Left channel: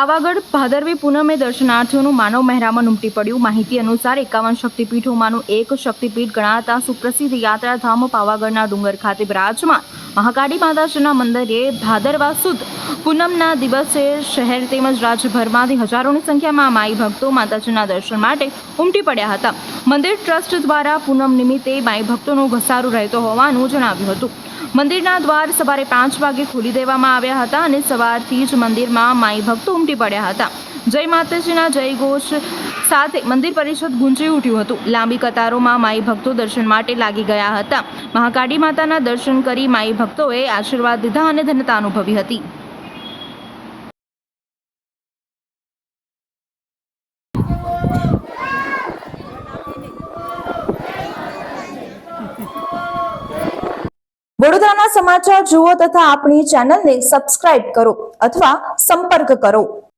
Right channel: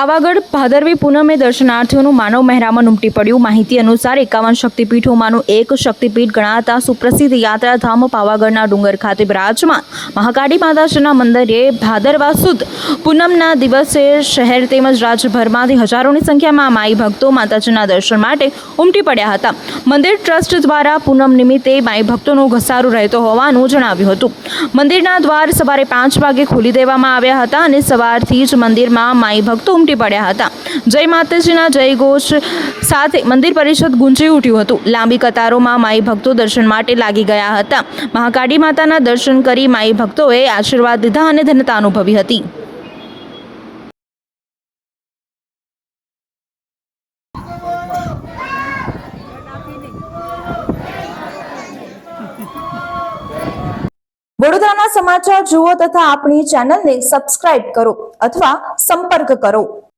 પાવાગઢ ભાદરવી પૂનમે દર્શનાર્થીઓનું માનવ મહેરામણ ઉમટી પડ્યું। માહિતી અનુસાર 51 શક્તિપીઠોમાંનું એક શક્તિપીઠ ગણાતા સુપ્રસિદ્ધ યાત્રાધામ પાવાગઢના ડુંગર ખાતે બિરાજમાન મહાકાળી માતાજીના મંદિરે ભાદરવા સુદ પૂનમના દિવસે શહેર તેમજ રાજ્યભરમાંથી હજારોની સંખ્યામાં માઈ ભક્તો માતાજીના દર્શન માટે ઉમટી પડ્યા હતા। મંદિર ટ્રસ્ટ દ્વારા પૂનમ નિમિત્તે માઈ ભક્તોનો ઘસારો રહેતો હોવાનું જણાવ્યું હતું। મંદિરના દ્વાર સવારે 5 વાગે ખોલી દેવામાં આવ્યા હતા અને સવારથી જ મંદિરમાં માઈ ભક્તો ઉમટી પડ્યા હતા। જય માતાજીના જયઘોષ સાથે મંદિર પરિસર ગુંજી ઉઠ્યું હતું। લાંબી કતારોમાં માઈ ભક્તો દર્શન માટે લાગી ગયા હતા। મહાકાળી માતાના દર્શન કરી માઈ ભક્તોએ આશીર્વાદ લીધા અને ધન્યતા અનુભવી હતી। વડોદરાના સમાચાર જુઓ તથા આપણી ચેનલને સબસ્ક્રાઇબ કરો અથવા સંપર્ક કરો।